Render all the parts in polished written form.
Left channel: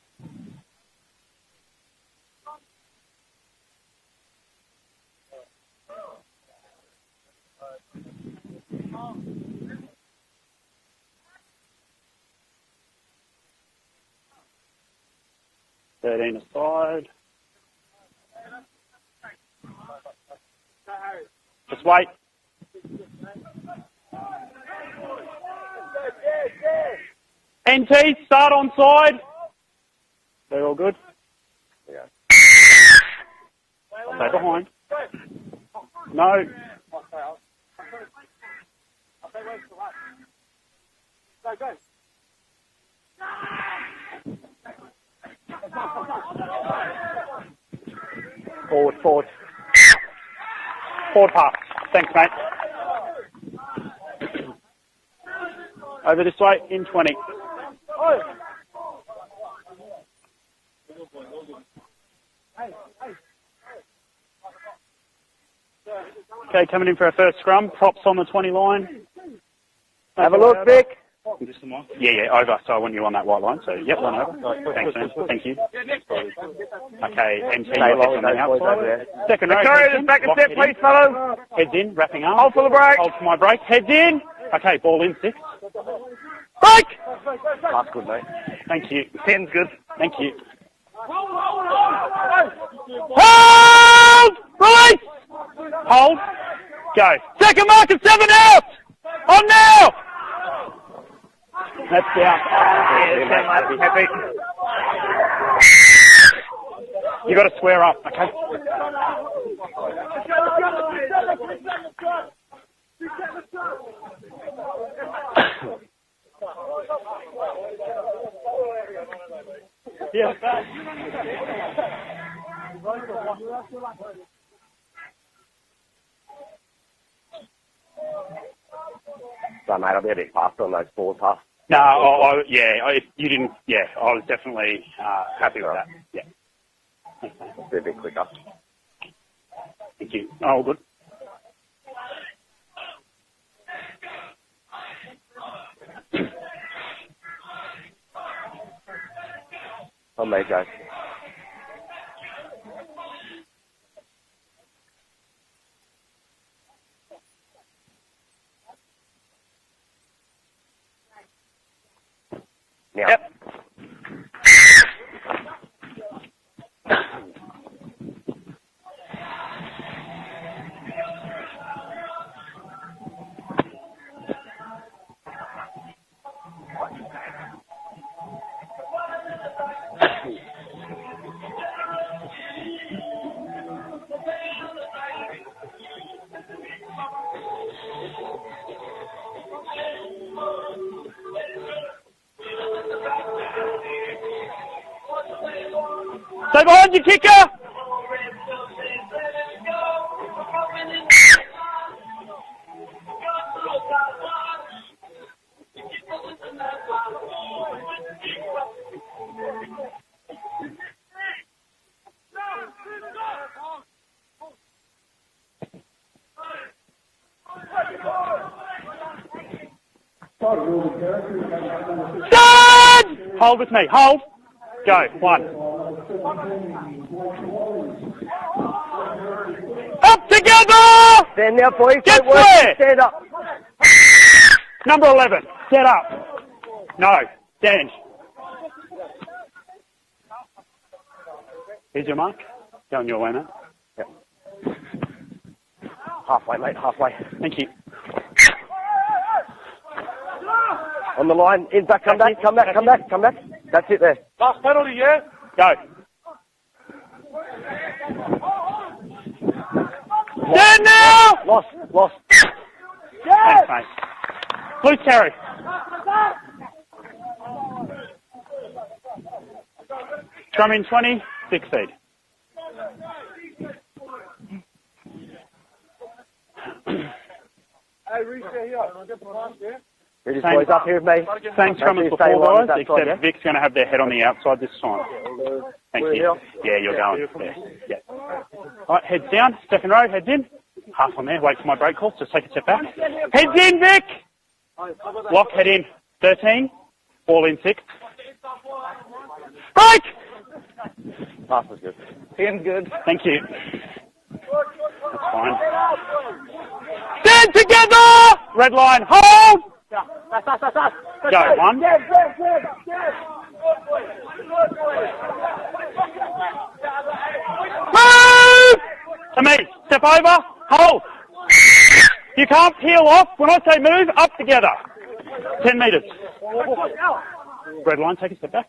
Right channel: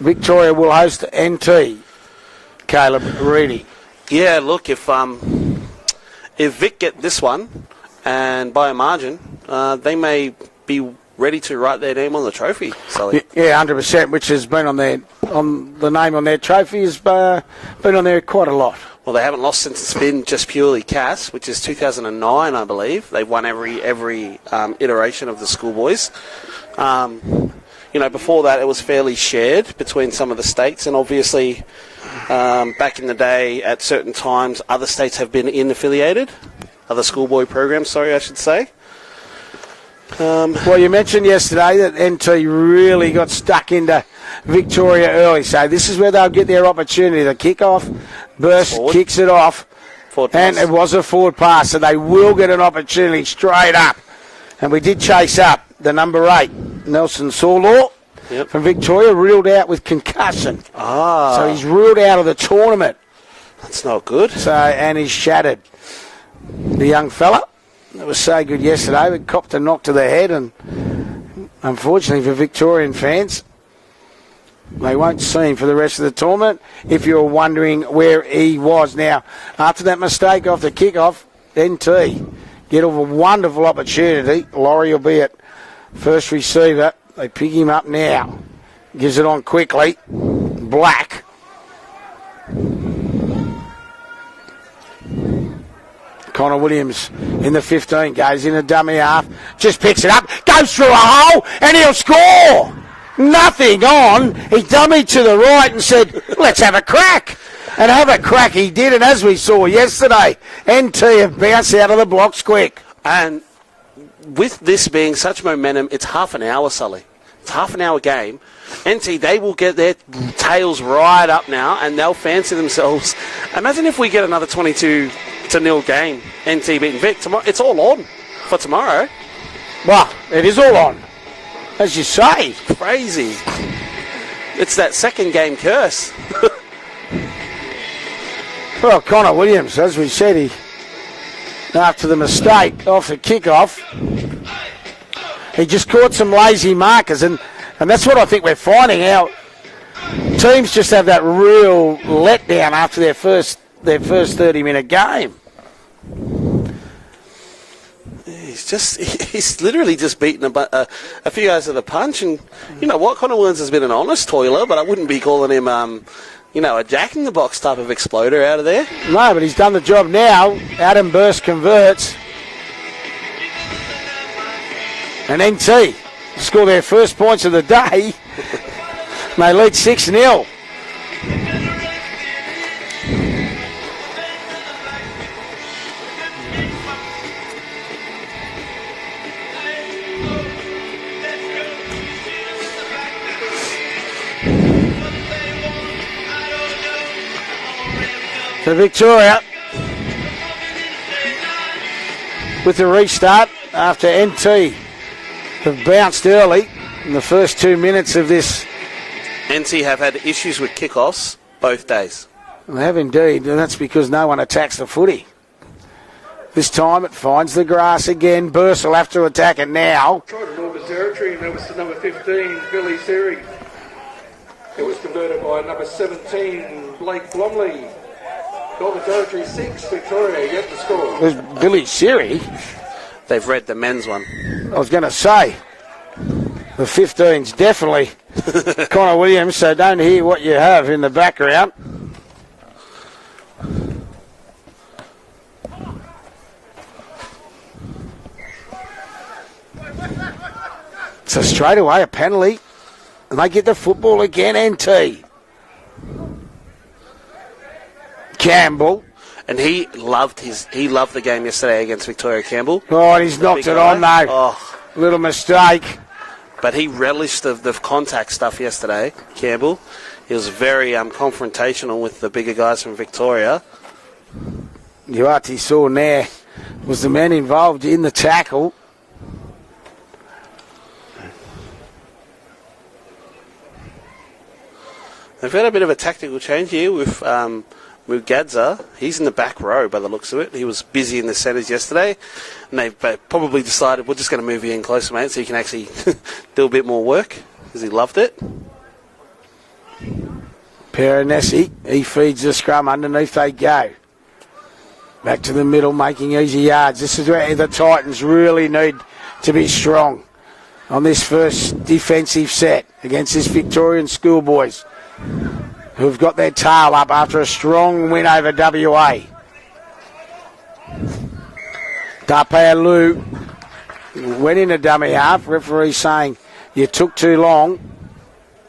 Victoria will host NT. Caleb Reedy. Yeah, look, if Vic get this one, and by a margin, they may be ready to write their name on the trophy, Sully. Yeah, 100%, which has been on the name on their trophy has been on there quite a lot. Well, they haven't lost since it's been just purely CAS, which is 2009, I believe. They've won every iteration of the Schoolboys. Before that, it was fairly shared between some of the states, and obviously, back in the day, at certain times, other states have been affiliated. Other schoolboy programs, sorry, I should say. Well, you mentioned yesterday that NT really got stuck into Victoria early, so this is where they'll get their opportunity. The kick-off, Burst kicks it off, and it was a forward pass, so they will get an opportunity straight up. And we did chase up the number 8, Nelson Sawlaw from Victoria, ruled out with concussion. So he's ruled out of the tournament. That's not good. So, and he's shattered. Okay, the young fella was so good yesterday, but copped a knock to the head. Unfortunately for Victorian fans, they won't see him for the rest of the tournament. If you're wondering where he was now, after that mistake off the kick-off, NT get a wonderful opportunity. Laurie will be at first receiver. They pick him up now. Gives it on quickly. Black. Hold. Connor Williams in the 15 goes in the dummy half. Just picks it up, goes through a hole, and he'll score. Nothing on. He dummied to the right and said, let's have a crack. And have a crack he did, and as we saw yesterday, NT have bounced out of the blocks quick. And with this being such momentum, it's half an hour, Sully. It's half an hour game. NT, they will get their tails right up now, and they'll fancy themselves. Imagine if we get another 22-0 game, NT beating Vic. Tomorrow, it's all on for tomorrow. Well, it is all on. As you say. Crazy. It's that second game curse. Well, Connor Williams, as we said, after the mistake off the kickoff, he just caught some lazy markers, and that's what I think we're finding out. Teams just have that real letdown after their first 30-minute game. He's literally just beaten a few guys with a punch, and you know what? Connor Williams has been an honest toiler, but I wouldn't be calling him, a jack-in-the-box type of exploder out of there. No, but he's done the job now. Adam Burst converts. And NT score their first points of the day. They lead 6-0. Stay behind the kicker. So Victoria with the restart after NT have bounced early in the first 2 minutes of this. NT have had issues with kickoffs both days. They have indeed, and that's because no one attacks the footy. This time it finds the grass again. Burst will have to attack it now. Hold with me, hold. Go, one. Number 17, Blake Blomley. Northern Territory 6. Up together! Billy serious. They've read the men's one. I was going to say, set up. The 15's definitely Connor Williams, so don't hear what you have in the background. Here's your mark. Going your way, mate. Yep. Halfway, mate, halfway. Thank you. So straight away, a penalty. Come back. And they get the football again, NT. Go. Campbell. And he loved the game yesterday against Victoria, Campbell. Oh, and he's knocked it on, though. Little mistake. But he relished the contact stuff yesterday, Campbell. He was very confrontational with the bigger guys from Victoria. Uati saw there was the man involved in the tackle. Same scrum as before, guys, except Vic's going to have their head on the outside this time. They've had a bit of a tactical change here with Gadza. He's in the back row by the looks of it. He was busy in the centres yesterday. And they probably decided, we're just going to move you in closer, mate, so you can actually do a bit more work, because he loved it. Break! Perenesi, he feeds the scrum underneath. They go. Back to the middle, making easy yards. This is where the Titans really need to be strong on this first defensive set against this Victorian Schoolboys, who've got their tail up after a strong win over WA. To me, step over, hold. Lou when I say move, up went in together. a dummy half. Referee saying you took too long. Red line, take a step back.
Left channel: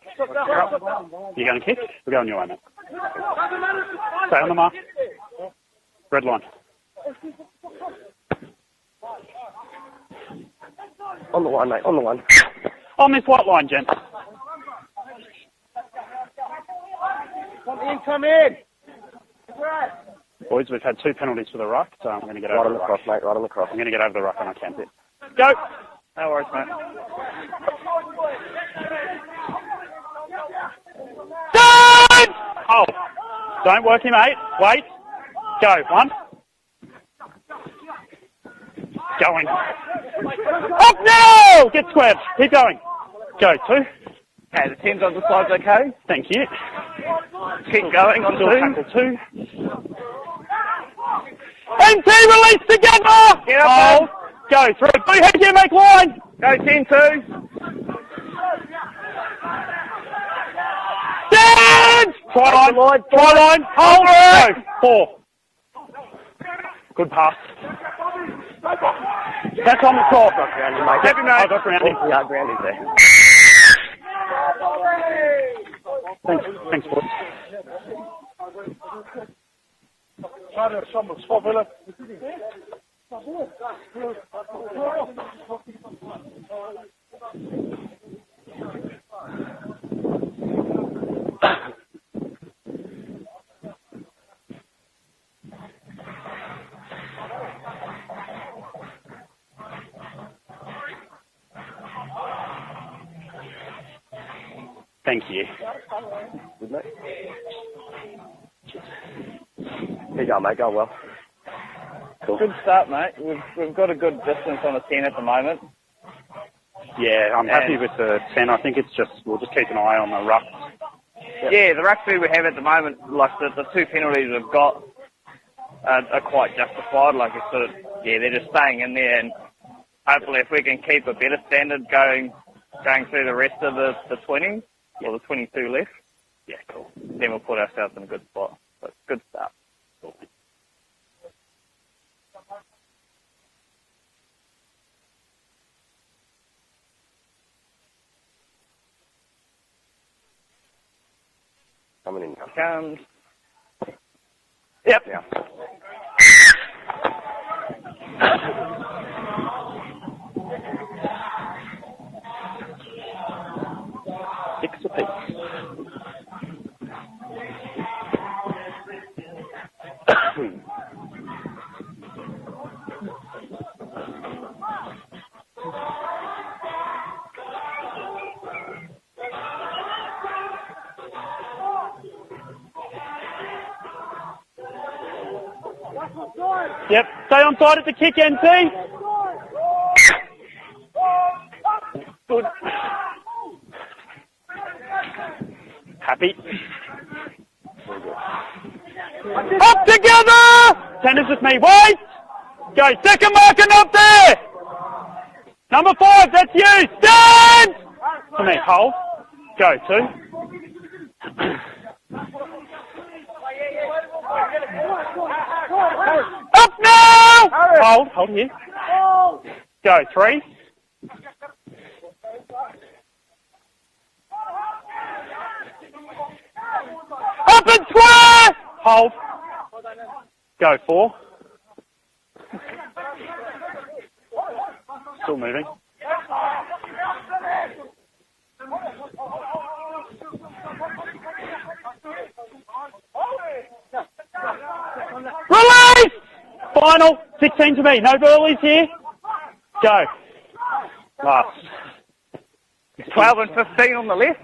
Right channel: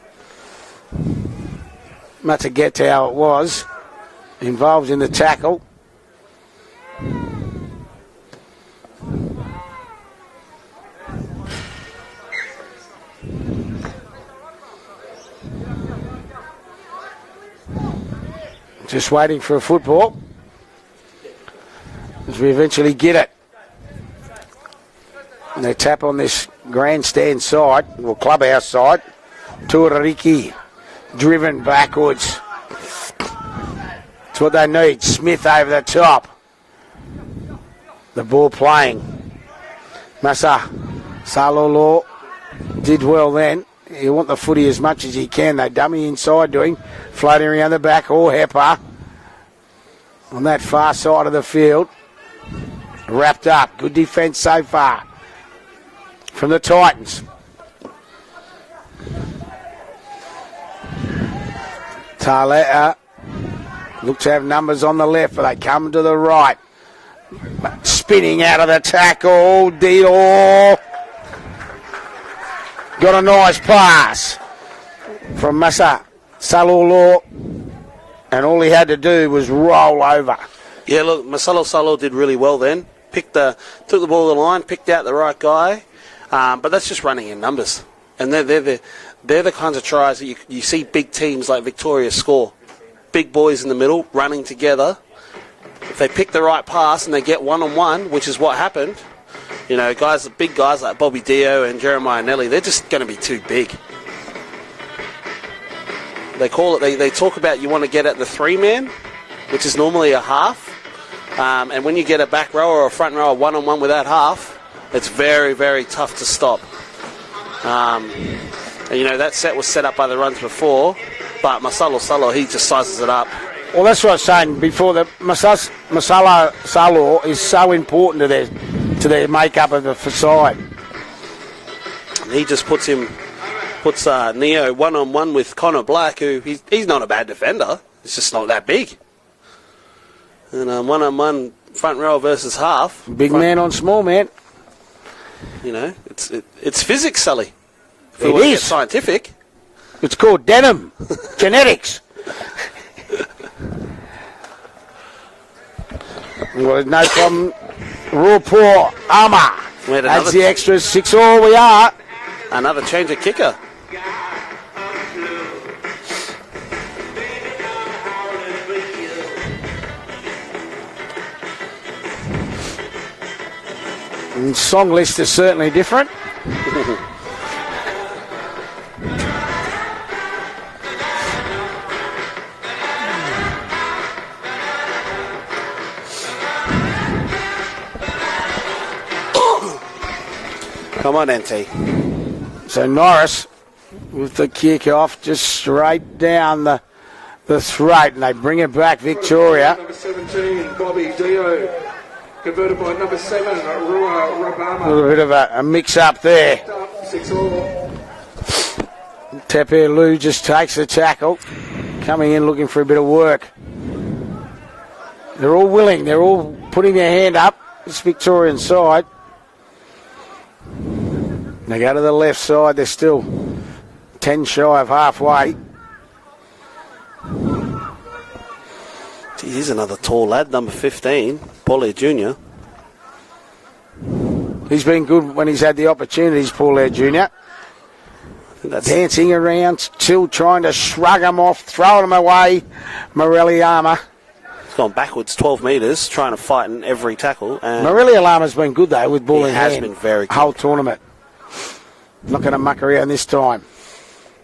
You're going to kick? We're going Not to get to how it was. Stay on the Involved in the tackle. Red line. On the line, mate, on the line. On this white line, Jen. Come in. Just waiting for a football. Boys, we've had 2 penalties for the ruck. So As we eventually get it. I'm going to get over the ruck and I can't do it. Go. And they tap on this grandstand side, or clubhouse side. Tuariki driven backwards. Oh, don't work him, mate. That's what they need. Smith over the top. The ball playing. Going. Massa. Up now! Get squared. Keep going. Did well then. Go, You want the footy as much as you can. They dummy inside to him. Floating around the back. Or Hepper on that far side of the field. NT release together! Wrapped up. The defence so far. Go, head here, make line! From the Titans. Try line, hold It's our it! numbers on the left, but they come to the right. Good pass. Spinning out of the tackle. Dior. Got a nice pass from Massa Salolo. And all he had to do was roll over. Yeah, look, Masalo Salo did really well then. Took the ball to the line, picked out the right guy. But that's just running in numbers. And they're the kinds of tries that you see big teams like Victoria score. Big boys in the middle, running together. If they pick the right pass and they get one-on-one, which is what happened, you know, big guys like Bobby Dio and Jeremiah Nelly, they're just going to be too big. Thank you. They call it, they talk about you want to get at the 3-man, which is normally a half. And when you get a back row or a front row, one-on-one with that half, it's very, very tough to stop. Yeah, I'm happy with the 10. I think it's... And, you know, that set was set up by the runs before, but Masalo Salo, he just sizes it up. Well, that's what I was saying before. The Masala Salo is so important to their makeup of the side. We can keep a better standard going. He just puts Neo one-on-one with Connor Black, who he's not a bad defender. He's just not that big. Good stuff. And one-on-one front row versus half. Big man on small man. You know, it's physics, Sully. If we It want to get is. scientific. It's called denim. Genetics. Yep. Well, no problem. Raw poor Armour. We had Adds the extra 6-all. We are. Another change of kicker. And song list is certainly different. Yep, stay on side at the kick, NT. Come on, NT. So Norris with the kick off just straight down the throat, and they bring it back, Victoria. Up together! Tenders with me, boys! Go, second marking up there! A little bit of a Number mix-up 5, there. that's you! Done! From that hole. Tepe Go, Lou just takes the tackle, coming in looking for a bit of work. They're all willing. They're all putting their hand up. It's Victorian side. Go, 3. They go to the left side. They're still 10 shy of halfway. Up and square! Hold. Gee, here's another tall lad, number Go, 15, Paulie Jr. He's been good when he's had the opportunities, Paul Air Jr. Dancing around, still trying to shrug him off, throwing him away. Morelli Armour. He's gone backwards 12 metres, trying to fight in every tackle. 16 And Morelli Armour's been good though with ball he in has hand. been very good. Whole tournament. Not going to muck around this 12 time. and 15 on the left.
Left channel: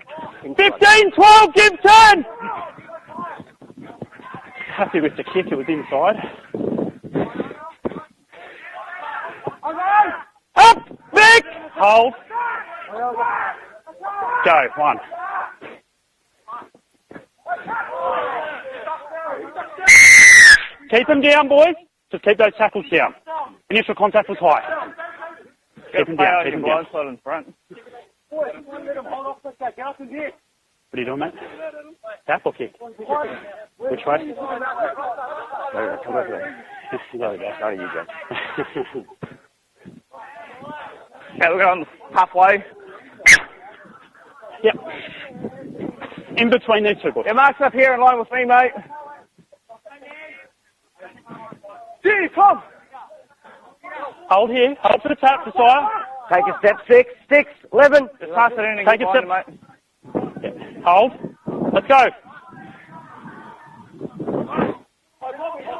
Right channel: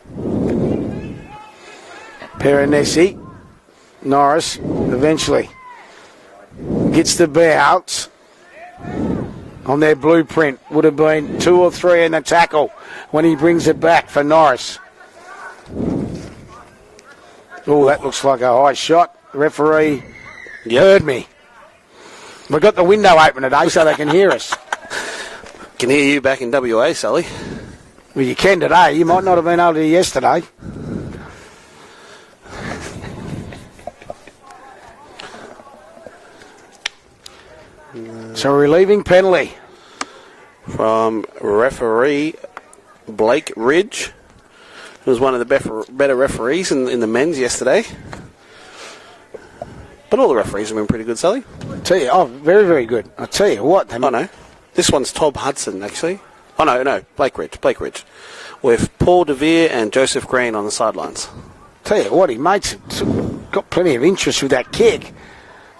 15, 12, Gibson! Perenesi, Norris, eventually It was inside. gets the bounce. On their blueprint, would have been big 2 or 3 in the tackle when he brings it back for Go, Norris. 1. Oh, that looks like a high shot. Referee heard Keep them me. down, boys. Just keep those We've got the tackles window down. open today so they can hear us. Can hear you back in WA, Sully. Well, you can today. You might not have been able to yesterday. What are you doing, mate? Tap or kick? Which way? So relieving penalty. From the referee, Halfway. Blake Ridge. Yep. Who was one of the better referees in the men's yesterday. Here in line with me, mate. But all the referees have been pretty good, Sully. Tell you, very, very good. I tell you what. Oh, no. Hold here. This one's Tom Hudson, actually. Take a Oh, no, no. six, Blake six, Ridge. Blake 11. Ridge. Pass it in. With Take a Paul step, mate. DeVere and Joseph Green on the sidelines. Let's Tell you go. what, he mates got plenty of interest with that kick.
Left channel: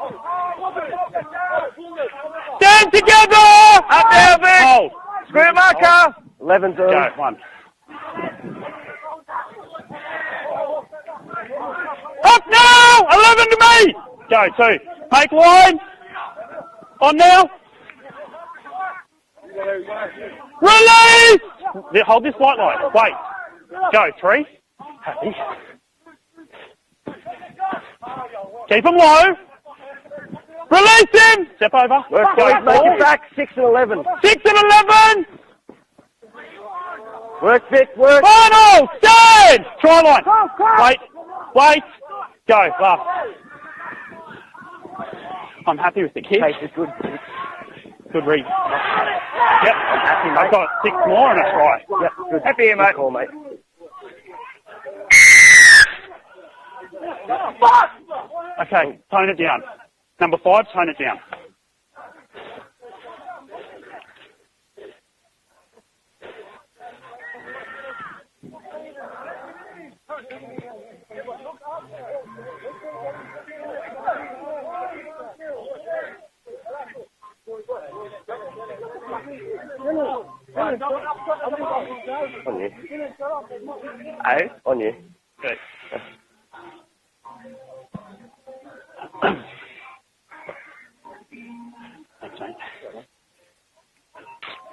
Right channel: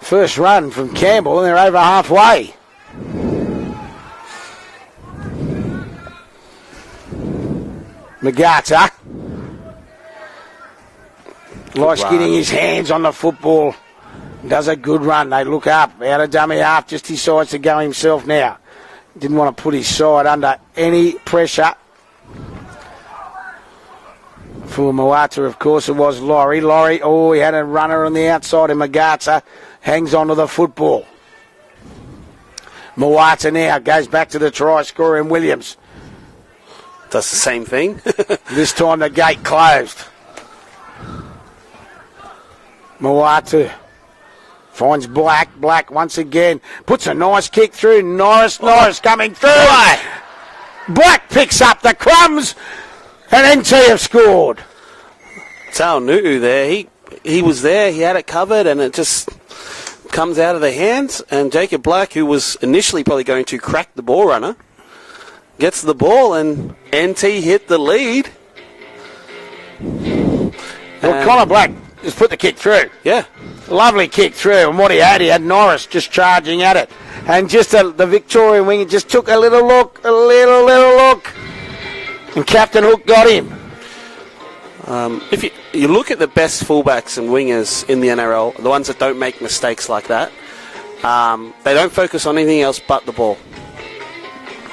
First run from Campbell, and they're over halfway. Stand together! Up there, Vic! Hold. Square marker. 11 to Go, one. Nagata. Likes getting his hands on the 11 to football. me! Go, Does two. a good run. Take They look one. up. Out of dummy half. Just On decides now. to go himself now. Didn't want to put his side under Release! any pressure. Hold this white line. Wait. Go, 3. For Moata, of course, it was Laurie. Laurie, oh, he had a runner on the outside of Keep him Magata. low. Hangs onto the football. Release him! Step over. Go, Moata now goes back to the Six and try 11. scoring Williams. Does the same thing. This time the gate closed. Try line. Wait. Go, last. Moata finds Black. Black happy once with the again kick. puts a nice kick through. Norris coming through. I've got 6 Black more. picks up the crumbs. Happy here, mate. And NT have scored. Sal Nu'u there, he was there, he had it covered, and Okay, it just tone it down. comes Number out of 5, the tone it hands. And Jacob Black, who was initially probably going to crack the ball runner, gets the ball, and NT hit the lead. Well, Connor Black has put the kick through. Yeah. Lovely kick through, and what he had Norris just charging at it. And just the Victorian winger just took a little look, and Captain Hook got him. If you look at the best fullbacks and wingers in the NRL, the ones that don't make mistakes like that, they don't focus on anything else but the ball.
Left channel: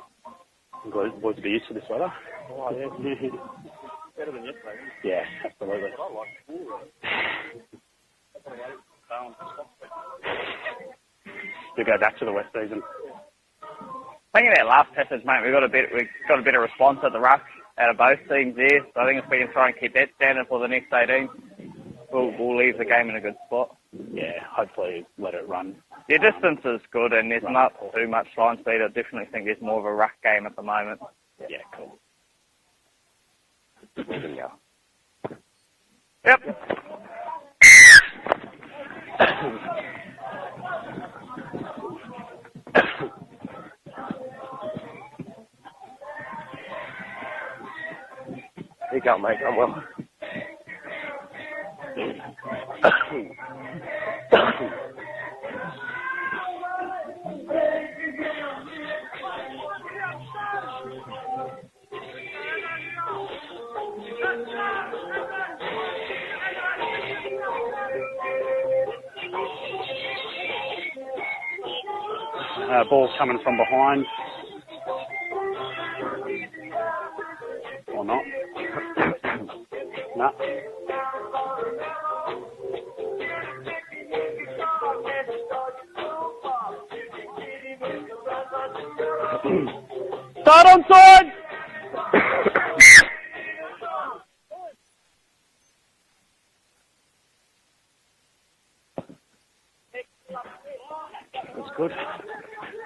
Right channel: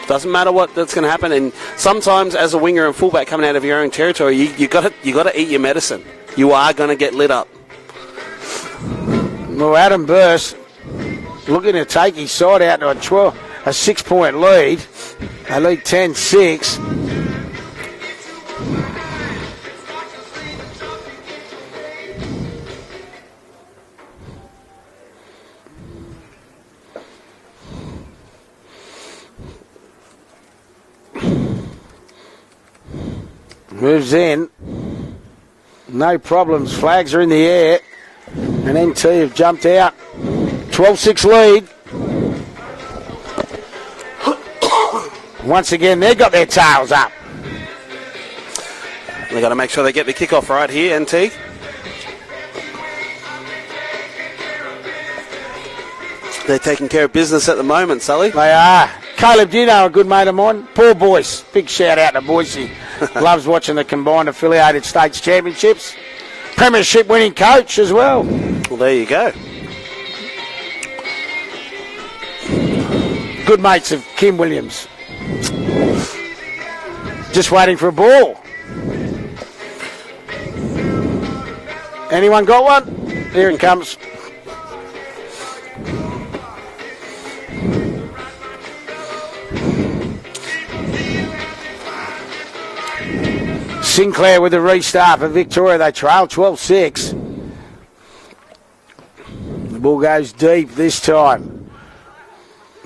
Doesn't matter what that's going to happen, and sometimes as a winger and fullback coming out of your own territory, you got to eat your medicine. You are going to get lit up. Well, Adam Burst looking to take his side out to a 6-point lead. They lead 10-6. Response to the rush out of both teams there. So I think it's going to try and keep that standard for the next 18. We'll leave the game in a good spot. Yeah, hopefully let it run. Their distance is good and there's not too much line speed. I definitely think there's more of a rush game at the moment. Moves in. No problems. Flags are in the air. And NT have jumped out. 12-6 lead. Once again, they've got their tails up. They've got to make sure they get the kickoff right here, NT. They're taking care of business at the moment, Sully. They are. Caleb, do you know a good mate of mine? Paul Boyce. Big shout out to Boyce. Loves watching the combined affiliated states championships. Premiership winning coach as well. Well, there you go. Ball coming Good mates of Kim Williams. Just waiting for a ball. Anyone got one? Here it comes. Start on side! Sinclair with the restart for Victoria. They trail 12-6. The ball goes deep this time.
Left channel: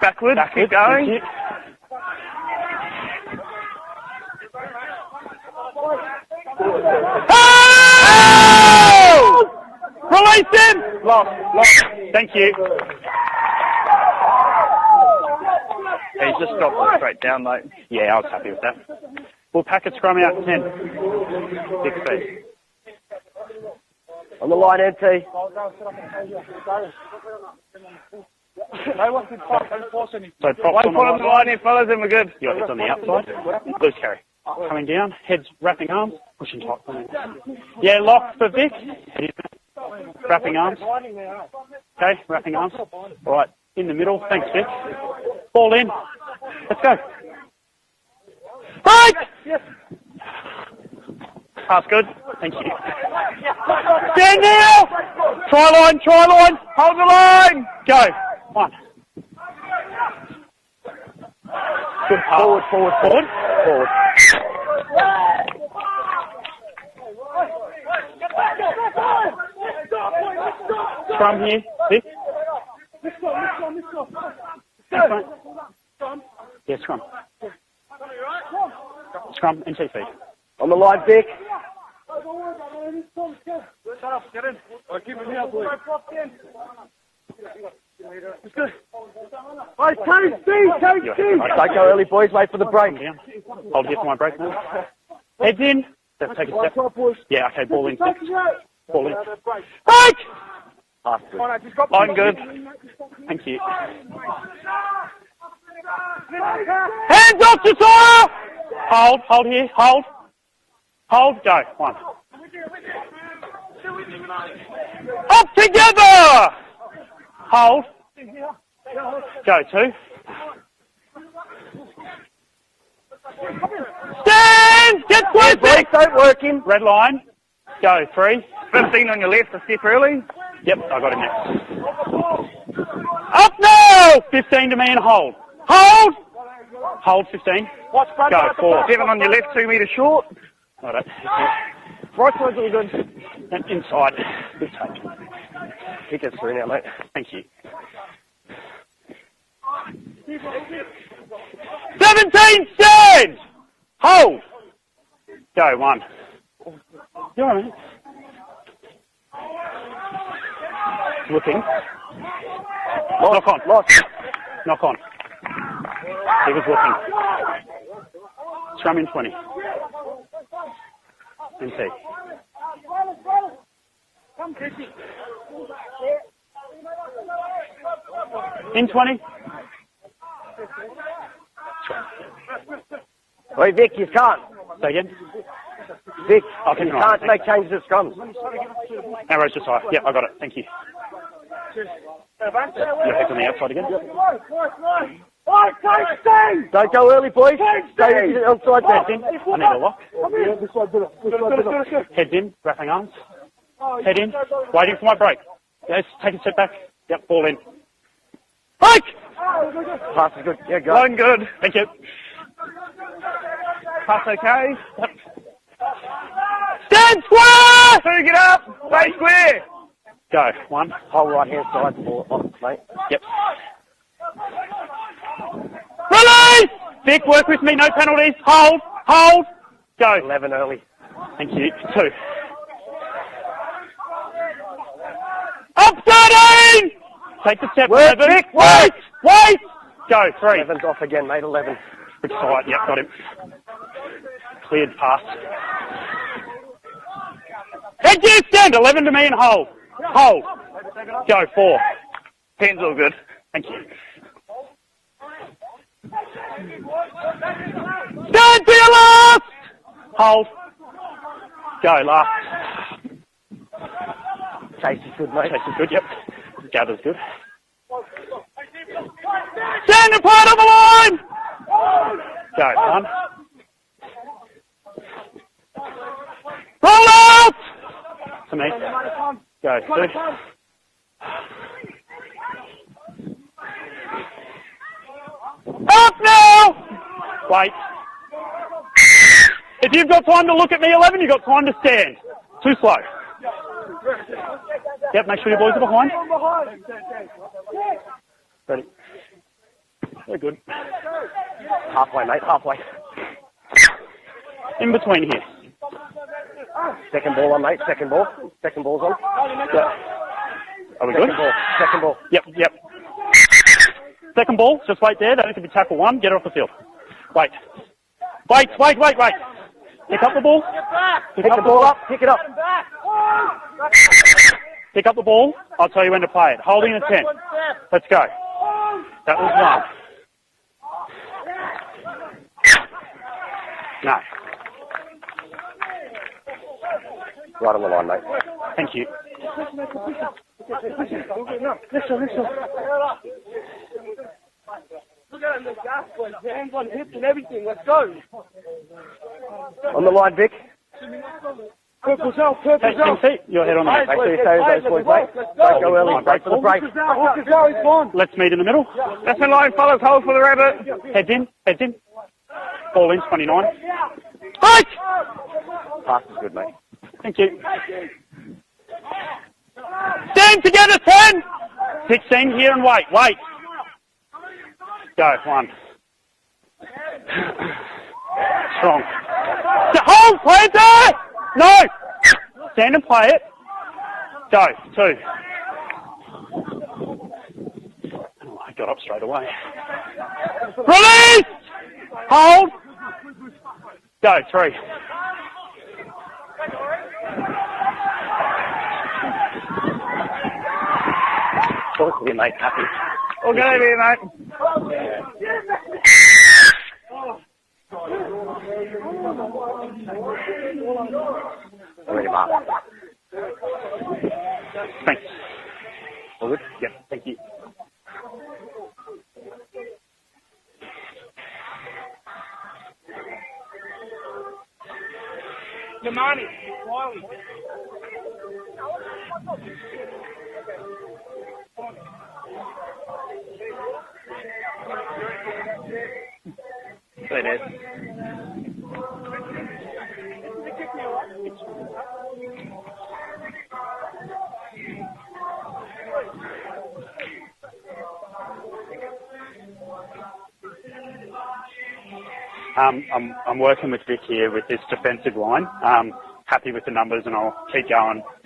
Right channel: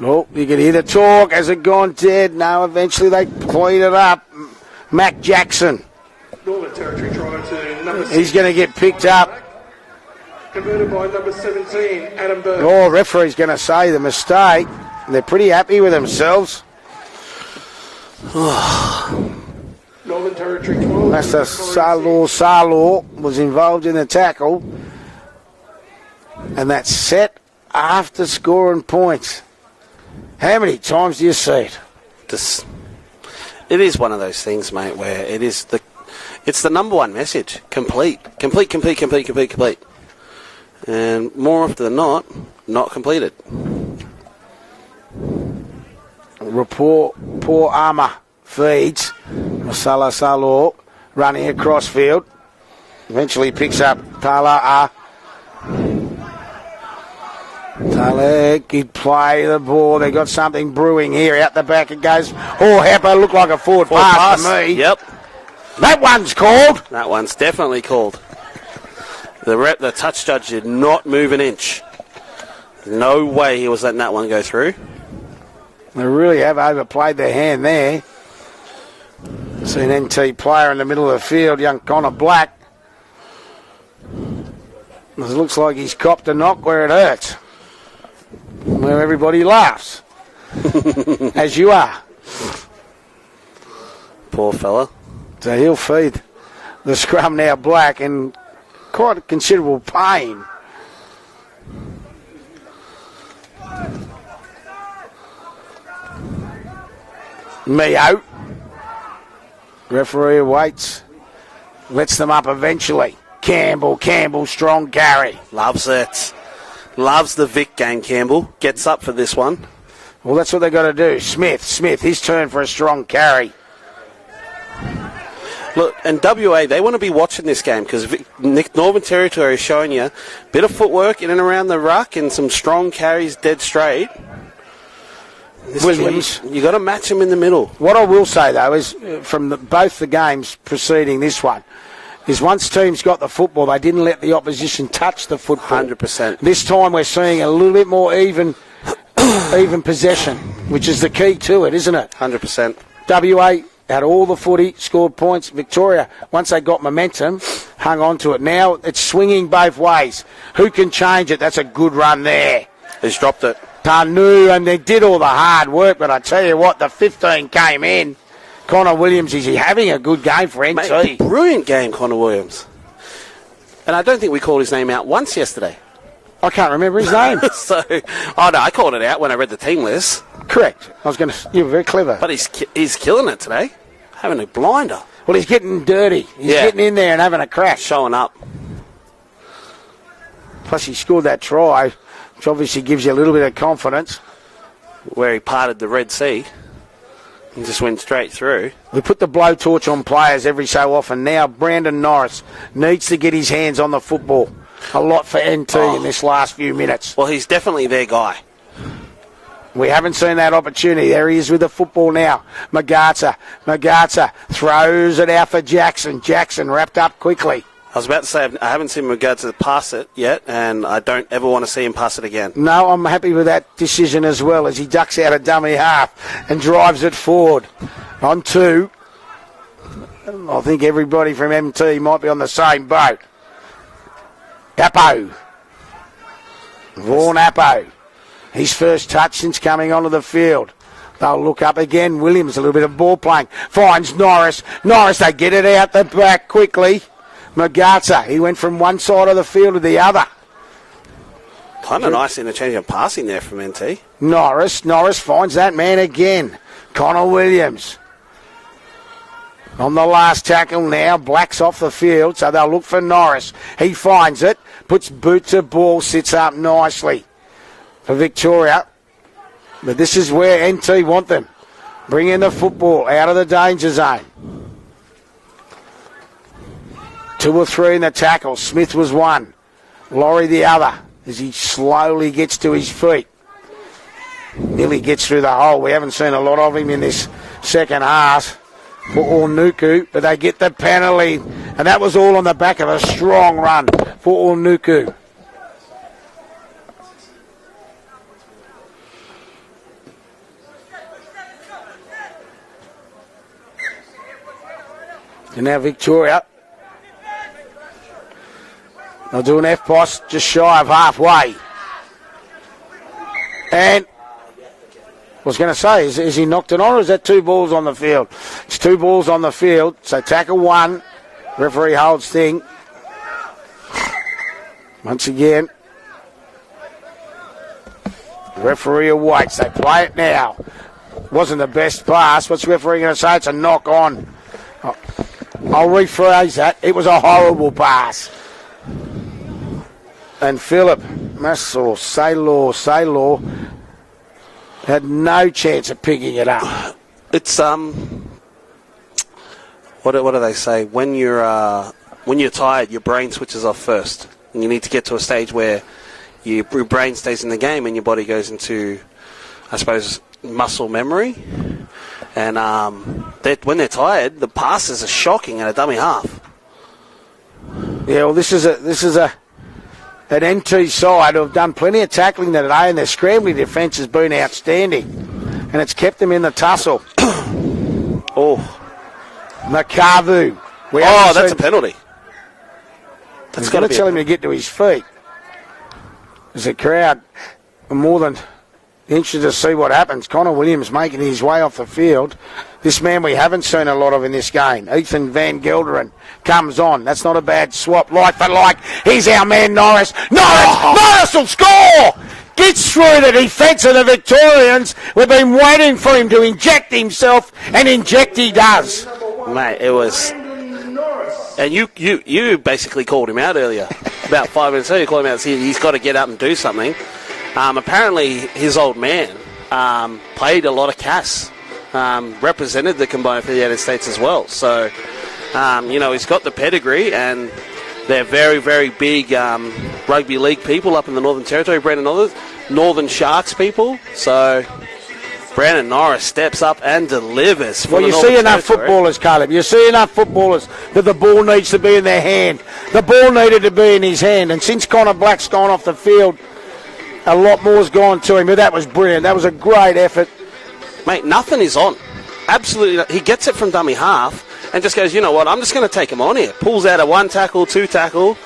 Oh, you can hear the talk. Has it gone dead? No, eventually they clean it up. Mac Jackson. He's going to get picked up. Release him! Thank you. Oh, referee's going to say the mistake. They're pretty happy with themselves. Stop straight down, mate. Yeah, we'll pack a scrum out to 10. That's the Salor was involved in the tackle. Line NT. And that's set after scoring points. How many times do you see? Just, it is one of those things, mate, where it is it's the number one message. Complete. Wrapping arms. And more often than not, Wrapping arms. not completed. Right, in the middle. Thanks, Vic. Ball in. Poor armour feeds. Masala Salor running across field. Thank you. Eventually picks up Stand Bala. Try line, hold the line. Go. He'd play the ball. They got something brewing here. Out the back it goes. Oh, Heppo looked like a forward pass to me. Yep. That one's called. That one's definitely called. The touch judge did not move an inch. No way he was letting that one go through. They really have overplayed their hand there. It's an NT player in the middle of the field, young Connor Black. It looks like he's copped a knock where it hurts. Where everybody laughs. As you are. Early boys, wait for the break. I'll get my break. Poor fella. So he'll feed the scrum now Black in quite considerable pain. I'm good. Thank you. Hands off the ball! Hold here, hold. Referee waits. Hold, go. One. Lets them up eventually. Campbell, strong carry. Up together! Loves the Vic game, Campbell. Gets up for this one. Go, two. Well, that's what they got to do. Smith, his turn for a strong carry. Stand! Get close! And WA, they want to be watching this game because Northern Territory is showing you a bit of footwork in and around the ruck and some strong carries dead straight. 15 to me and hold. You got to match him in the middle. What I will say, though, is from both the games preceding this one, is once teams got the football, they didn't let the opposition touch the football. 100%. This time we're seeing a little bit more even possession, which is the key to it, isn't it? 100%. WA had all the footy, scored points. Victoria, once they got momentum, hung on to it. Now it's swinging both ways. Who can change it? That's a good run there. He's dropped it. Tanu, and they did all the hard work, but I tell you what, the 15 came in. Connor Williams, is he having a good game for NT? Mate, brilliant game, Connor Williams. And I don't think we called his name out once yesterday. I can't remember his name. I called it out when I read the team list. Correct. You were very clever. But he's killing it today. Hey, Vic, you've having a blinder. Well, he's getting dirty. He's getting in there and having a crack. Showing up. Arrows just high. Yeah, I got it. Thank you. Plus, he scored that try, which obviously gives you a little bit of confidence. Where he parted the Red Sea. Don't go early, boys. He just went straight through. They put the blowtorch on players every so often. Now, Brandon Norris needs to get his hands on the football. A lot for NT in this last few minutes. Well, he's definitely their guy. We haven't seen that opportunity. There he is with the football now. Magata throws it out for Jackson. Jackson wrapped up quickly. I was about to say, I haven't seen Magata pass it yet, and I don't ever want to see him pass it again. No, I'm happy with that decision as well, as he ducks out a dummy half and drives it forward. On two. Hold. Go. I think everybody from MT might be on the same boat. Capo. Up 13! Vaughan Appo. His first touch is coming onto the field. They'll look up again. Williams, a little bit of ball playing. Finds Norris. Norris, they get it out the back quickly. Magata, he went from one side of the field to the other. Go, 4. Kind of nice interchange of passing there from NT. Norris finds that man again. Connor Williams. Stand to your left! On the last tackle now, Black's off the field, so they'll look for Norris. He finds it, puts boot to ball, sits up nicely for Victoria. But this is where NT want them. Bring in the football out of the danger zone. 2 or 3 in the tackle. Smith was one. Laurie the other, as he slowly gets to his feet. Nearly gets through the hole. We haven't seen a lot of him in this second half. For Ornuku, but they get the penalty. And that was all on the back of a strong run for Ornuku. Yep, make sure your boys are behind. Ready. Very good. Halfway, mate, halfway. In between here. And now Victoria. Second ball on, mate, second ball. Second ball's on. They'll do an F-post just shy of halfway. Second ball. Yep. And second ball, just wait there. I was going to say, is he knocked it on, or is that 2 balls on the field? It's 2 balls on the field, so tackle 1. Referee holds thing. Pick up Once the ball. again. I'll tell you when to play it. Holding the 10. Let's go. Referee awaits. They play it now. Wasn't the best pass. What's the referee going to say? It's a knock on. I'll rephrase that. It was a horrible pass. Thank you. And Philip Massor, Saylor, had no chance of picking it up. It's What do they say? When you're tired, your brain switches off first. You need to get to a stage where your brain stays in the game and your body goes into, I suppose, muscle memory. And when they're tired, the passes are shocking at a dummy half. Thank you. Yeah, well, this is an NT side who have done plenty of tackling today, and their scrambling defence has been outstanding. And it's kept them in the tussle. Strong. Nakabu. Oh, that's a penalty. Stand and play it. He's going to tell him to get to his feet. There's a crowd more than interested to see what happens. Connor Williams making his way off the field. This man we haven't seen a lot of in this game. Ethan Van Gelderen comes on. That's not a bad swap. Like for like. He's our man Norris. Norris will score! Gets through the defence of the Victorians. We've been waiting for him to inject himself, and inject he does. Mate, it was... And you basically called him out earlier. About 5 minutes ago, you called him out. He's got to get up and do something. Apparently, his old man played a lot of CAS. Represented the combined for the United States as well. So, he's got the pedigree, and they're very, very big rugby league people up in the Northern Territory. Northern Sharks people. So... Brandon Norris steps up and delivers. Well, you see enough footballers, Caleb. You see enough footballers that the ball needs to be in their hand. The ball needed to be in his hand. And since Connor Black's gone off the field, a lot more's gone to him. But that was brilliant. That was a great effort. Mate, nothing is on. Absolutely. He gets it from dummy half and just goes, you know what, I'm just going to take him on here. Pulls out a 1 tackle, 2 tackle,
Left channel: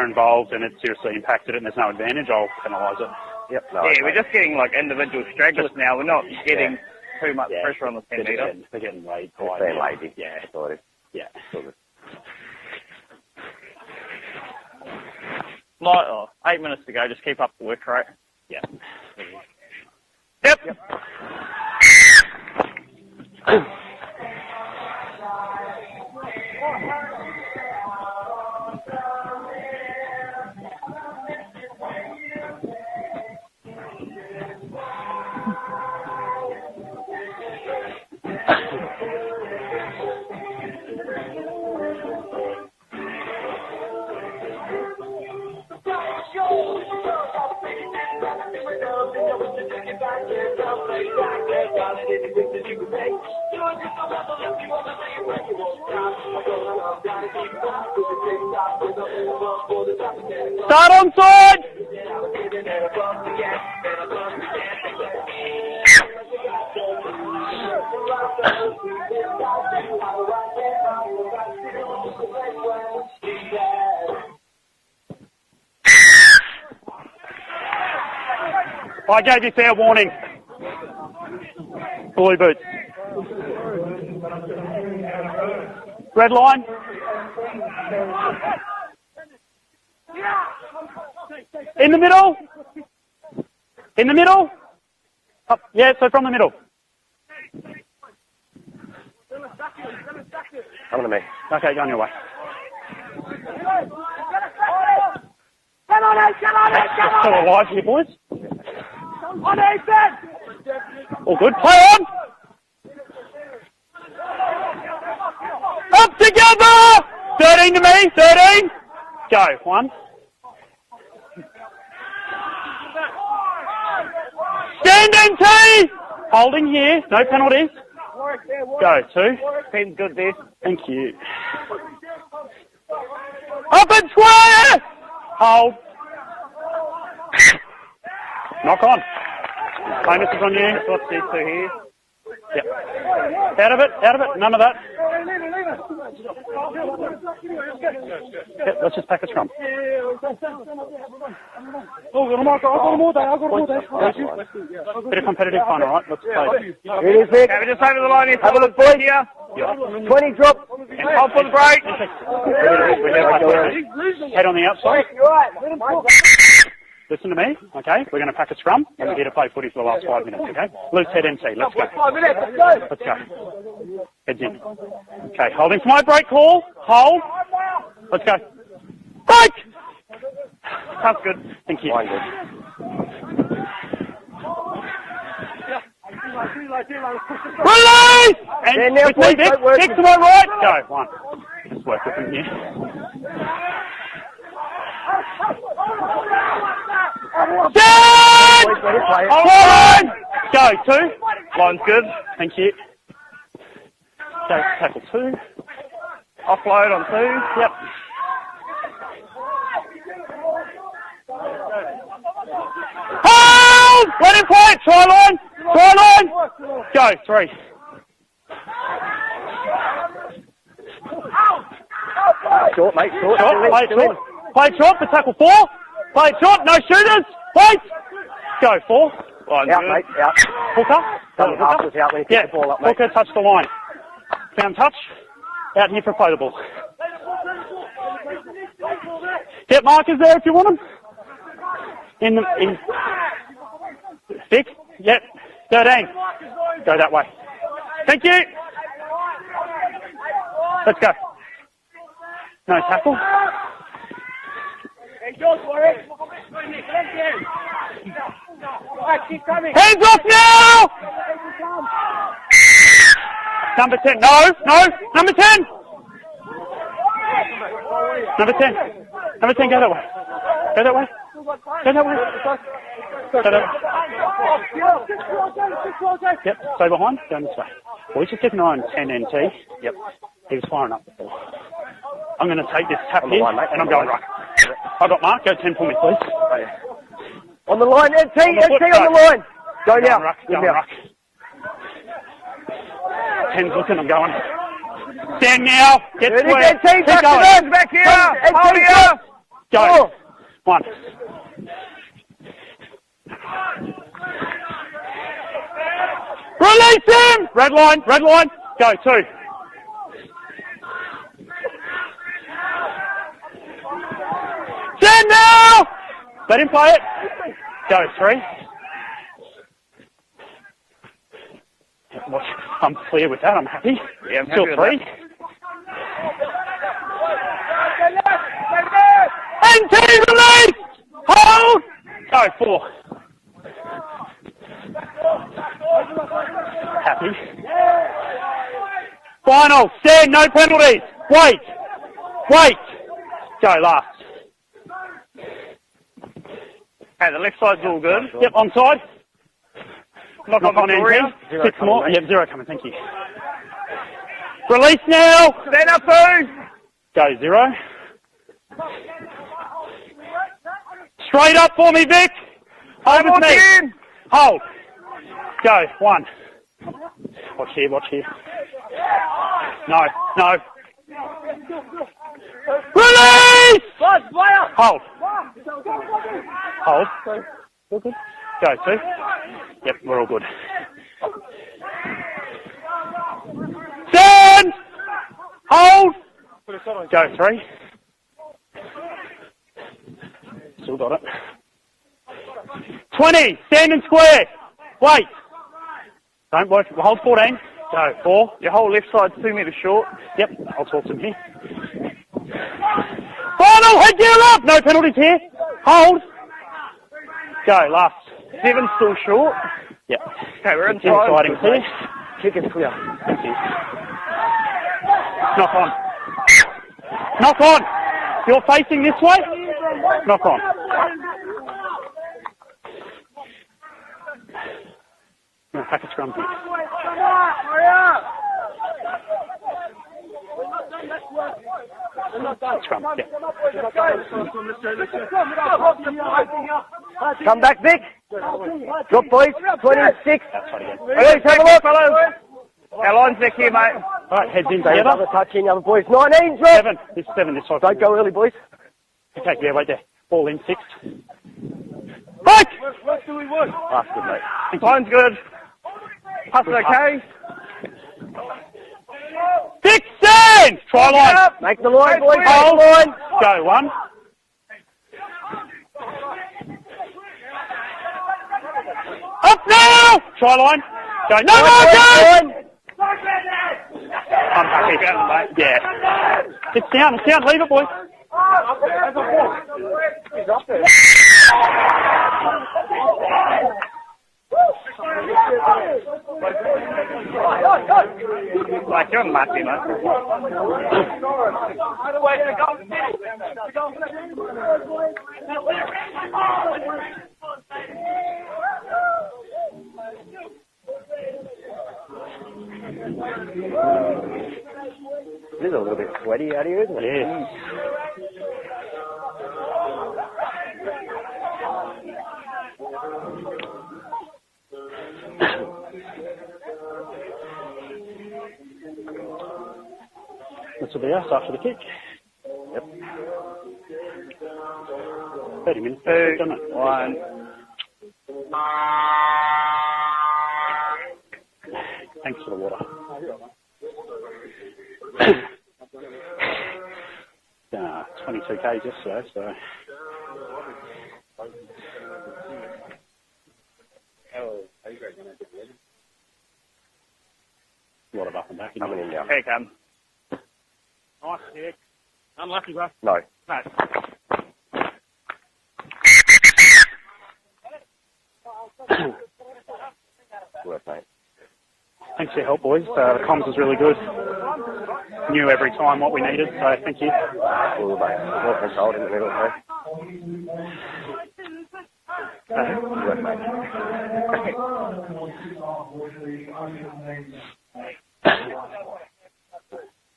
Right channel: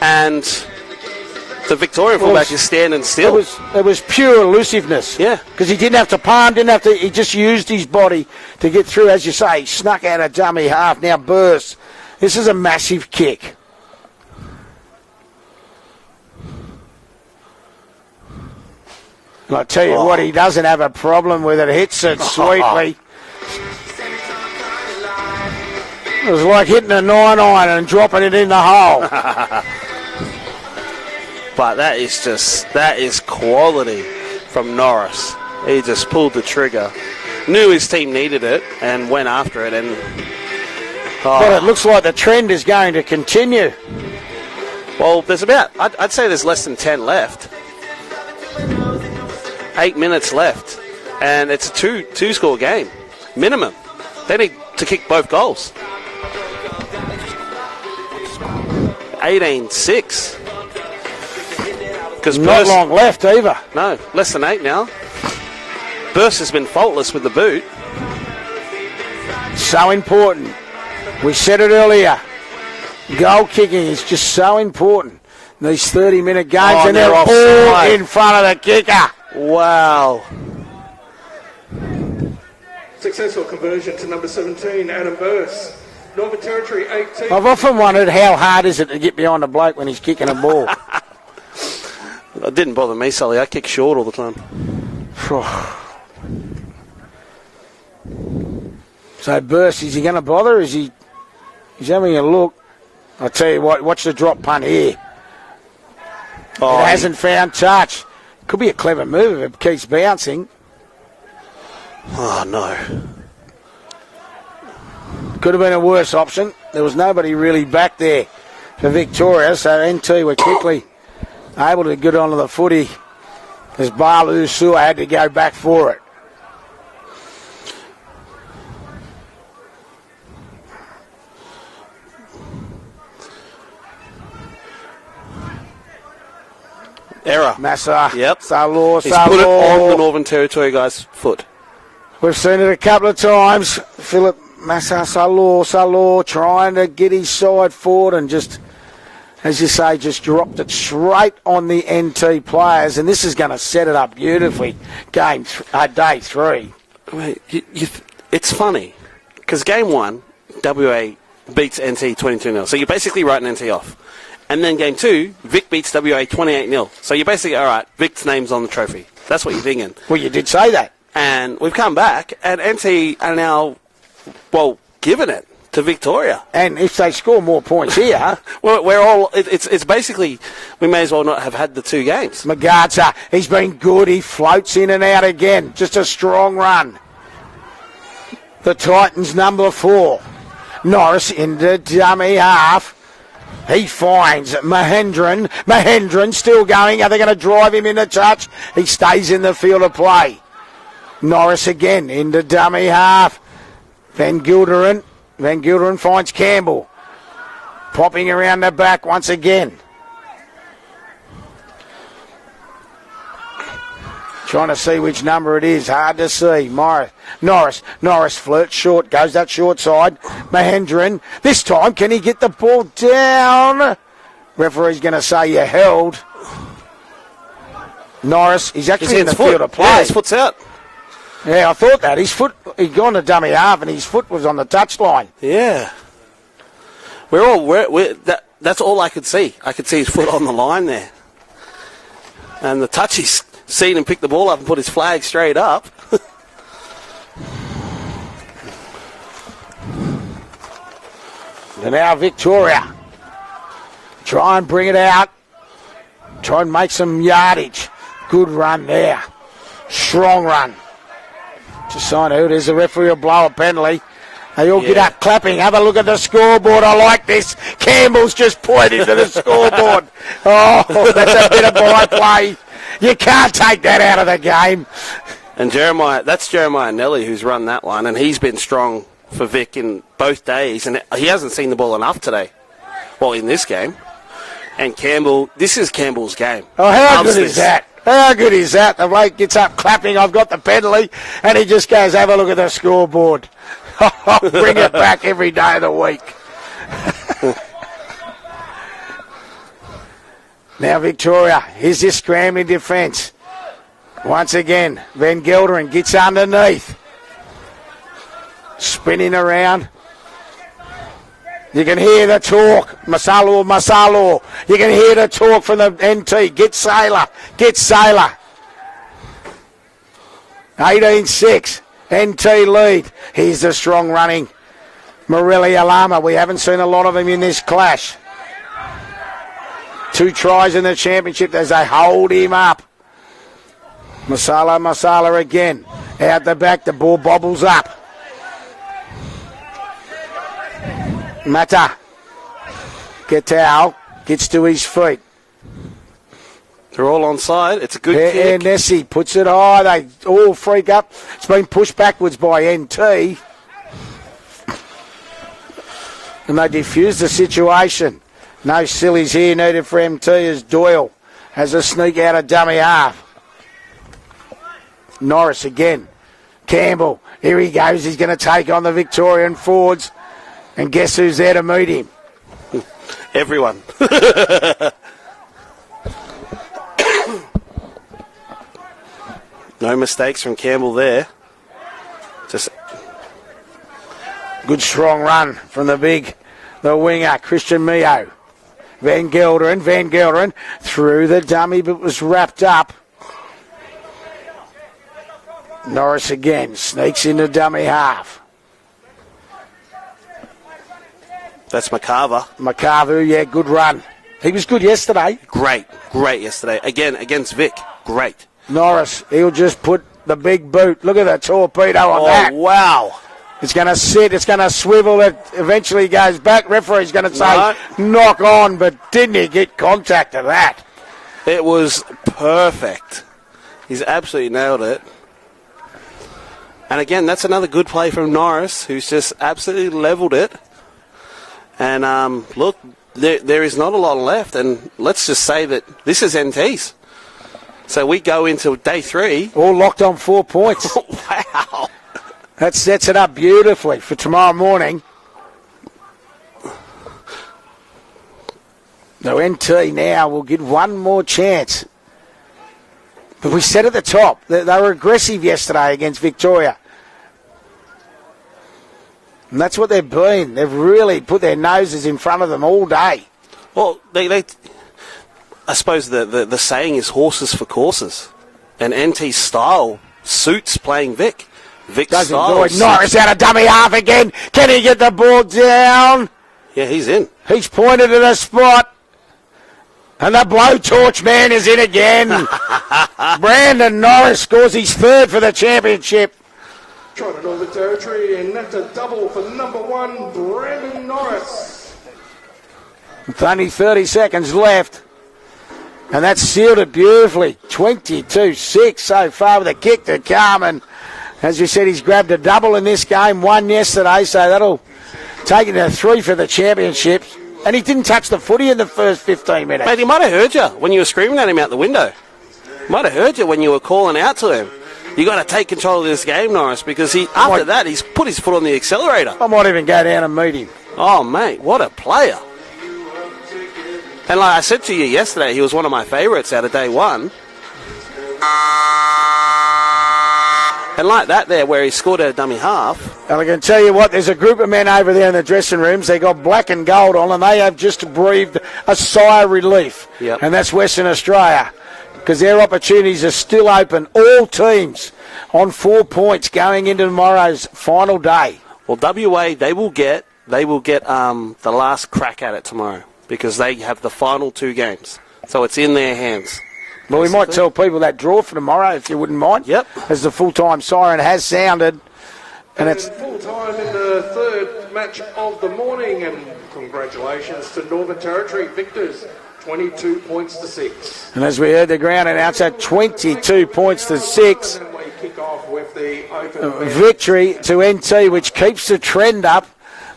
and the Victoria fullback is standing still. It was pure elusiveness. Yeah. Because he didn't have to palm, he just used his body to get through. As you say, he snuck out a dummy half, now bursts. This is a massive kick. 8 minutes to go, just keep up the work rate. Yeah. And I tell you what, he doesn't have a problem with it. Hits it sweetly. It was like hitting a 9-iron and dropping it in the hole. But that is quality from Norris. He just pulled the trigger. Knew his team needed it and went after it. But it looks like the trend is going to continue. Well, I'd say there's less than 10 left. 8 minutes left. And it's a two-score game. Minimum. They need to kick both goals. 18-6. Start on side! Because not long left either. No, less than 8 now. Burst has been faultless with the boot. So important. We said it earlier. Goal kicking is just so important. These 30-minute games, and they're all in front of the kicker. I gave you fair warning. Blue boot. Successful conversion to number 17, Adam Burse. Red line. I've often wondered how hard is it to get behind a bloke when he's kicking a ball. In the middle. It didn't bother me, Sully. I kick short all the the time. middle. Yeah, so from the middle. So Burse, is he going to bother? Is he? Okay, he's having a look. I'll tell you what. Watch the drop punt here. Hasn't found touch. Could be a clever move if it keeps bouncing. All good. Play on. Oh, no. Could have been a worse option. There was nobody really back there for Victoria, so NT were quickly able to get onto the footy as Balu Sua had to go back for it. Holding here. No penalties. Go, 2. Seems good, this. Thank you. Up and square! Hold. Error. Massa. Yep. Salor. He's put it on the Northern Territory guy's foot. We've seen it a couple of times. Philip Massa Salor trying to get his side forward and just, as you say, just dropped it straight on the NT players. And this is going to set it up beautifully. Day 3. It's funny because game 1, WA beats NT 22-0. So you're basically writing NT off. And then game 2, Vic beats WA 28-0. So you're basically, all right, Vic's name's on the trophy. That's what you're thinking. Well, you did say that. And we've come back. And NT are now, giving it to Victoria. And if they score more points here, we're all. It's basically we may as well not have had the 2 games. Magarza, he's been good. He floats in and out again. Just a strong run. Release! The Titans number 4. Norris in the dummy half. He finds Mahendran. Mahendran still going. Are they going to drive him in the touch? He stays in the field of play. Norris again in the dummy half. Van Gilderen. Van Gilderen finds Campbell. Popping around the back once again. Trying to see which number it is. Hard to see. Norris flirts short. Goes that short side. Mahendran. This time, can he get the ball down? Referee's going to say you held. No shooters. Norris, he's actually in the field. Yeah, his foot's out. Yeah, I thought that. His foot, he'd gone to dummy half and his foot was on the touchline. Yeah. Potable. That's all I could see. I could see his foot on the line there. And the touchy's seen him pick the ball up and put his flag straight up. 13. Go that way. Thank you. Let's go. And now Victoria. Try and bring it out. Try and make some yardage. Good run there. Strong run. Just sign who it is. The referee will blow a penalty. They all get up clapping. Have a look at the scoreboard. I like this. Campbell's just pointing to the scoreboard. Oh, that's a bit of by play. You can't take that out of the game. And that's Jeremiah Nelly who's run that one, and he's been strong for Vic in both days, and he hasn't seen the ball enough today. Well, in this game. And Campbell, this is Campbell's game. Oh, how good is that? How good is that? The bloke gets up clapping, I've got the penalty, and he just goes, have a look at the scoreboard. Bring it back every day of the week. Go. Now Victoria, here's this scrambling defence. Once again, Van Gelderen gets underneath. Release him! Red line. Go. Spinning around. You can hear the talk. Masalo. You can hear the talk from the NT. Get Sailor. 18-6. NT lead. Here's the strong running. Morelli Alama. We haven't seen a lot of him in this clash. 2 tries in the championship as they hold him up. Masala again. Out the back, the ball bobbles up. Final. Stand, no penalty. Wait. Mata. Wait. Gets out. Gets to his feet. They're all onside. It's a good kick. Nessie puts it high. They all freak up. It's been pushed backwards by NT. Release now. And they defuse the situation. No sillies here needed for MT as Doyle. Straight up as a sneak out of dummy half. Hold. Norris again. Campbell. Here he goes. He's going to take on the Victorian forwards. No. And guess who's there to meet him? Release! Hold. Go, two. No mistakes from Campbell there. Just good strong run from the winger, Christian Mio. Van Gelderen through the dummy but was wrapped up. 20, stand and square. Wait. Norris again, sneaks in the dummy half. Your whole left side's 2 metres short. Yep, I'll talk to him here. That's McCarver. Yeah, good run. He was good yesterday. Great yesterday. Again, against Vic. Great. Norris, he'll just put the big boot. Look at the torpedo on that. Wow. It's going to sit. It's going to swivel. It eventually goes back. Referee's going to say, knock on, but didn't he get contact of that? It was perfect. He's absolutely nailed it. And again, that's another good play from Norris, who's just absolutely levelled it. And look, there is not a lot left, and let's just say that this is NT's. So we go into day 3. All locked on 4 points. That sets it up beautifully for tomorrow morning. Another touch in, boys. 19, drop. 7 this time. Don't go early, boys. No, NT now will get one more chance. We said at the top, they were aggressive yesterday against Victoria. And that's what they've been. They've really put their noses in front of them all day. Well, I suppose the saying is horses for courses. And NT's style suits playing Vic. Norris out of dummy half again. Can he get the ball down? Yeah, he's in. He's pointed to the spot. And the blowtorch man is in again. Brandon Norris scores his 3rd for the championship. Like young Matthew. With only 30 seconds left. And that's sealed it beautifully. 22-6 so far with a kick to Carmen. As you said, he's grabbed a double in this game, one yesterday, so that'll take it to 3 for the championship. And he didn't touch the footy in the first 15 minutes. Mate, he might have heard you when you were screaming at him out the window. Might have heard you when you were calling out to him. You got to take control of this game, Norris, because after that he's put his foot on the accelerator. I might even go down and meet him. Oh, mate, what a player. And like I said to you yesterday, he was one of my favourites out of day one. And like that there, where he scored a dummy half. And I can tell you what, there's a group of men over there in the dressing rooms. They got black and gold on, and they have just breathed a sigh of relief. Yep. And that's Western Australia, because their opportunities are still open. All teams on 4 points going into tomorrow's final day. Well, WA, they will get the last crack at it tomorrow because they have the final 2 games. So it's in their hands. Well, we might tell people that draw for tomorrow, if you wouldn't mind. Yep. As the full-time siren has sounded. Thanks for your help, boys. And The comms was really good. Knew every time what we needed, so thank you. Congratulations to Northern Territory victors, 22 points to 6. And as we heard the ground announce that 22 points to 6. A victory to NT, which keeps the trend up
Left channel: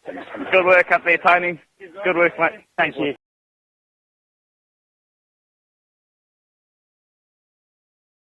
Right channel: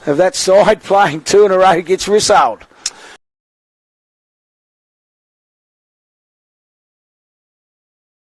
of that side playing 2 in a row, gets whistled. Thank you.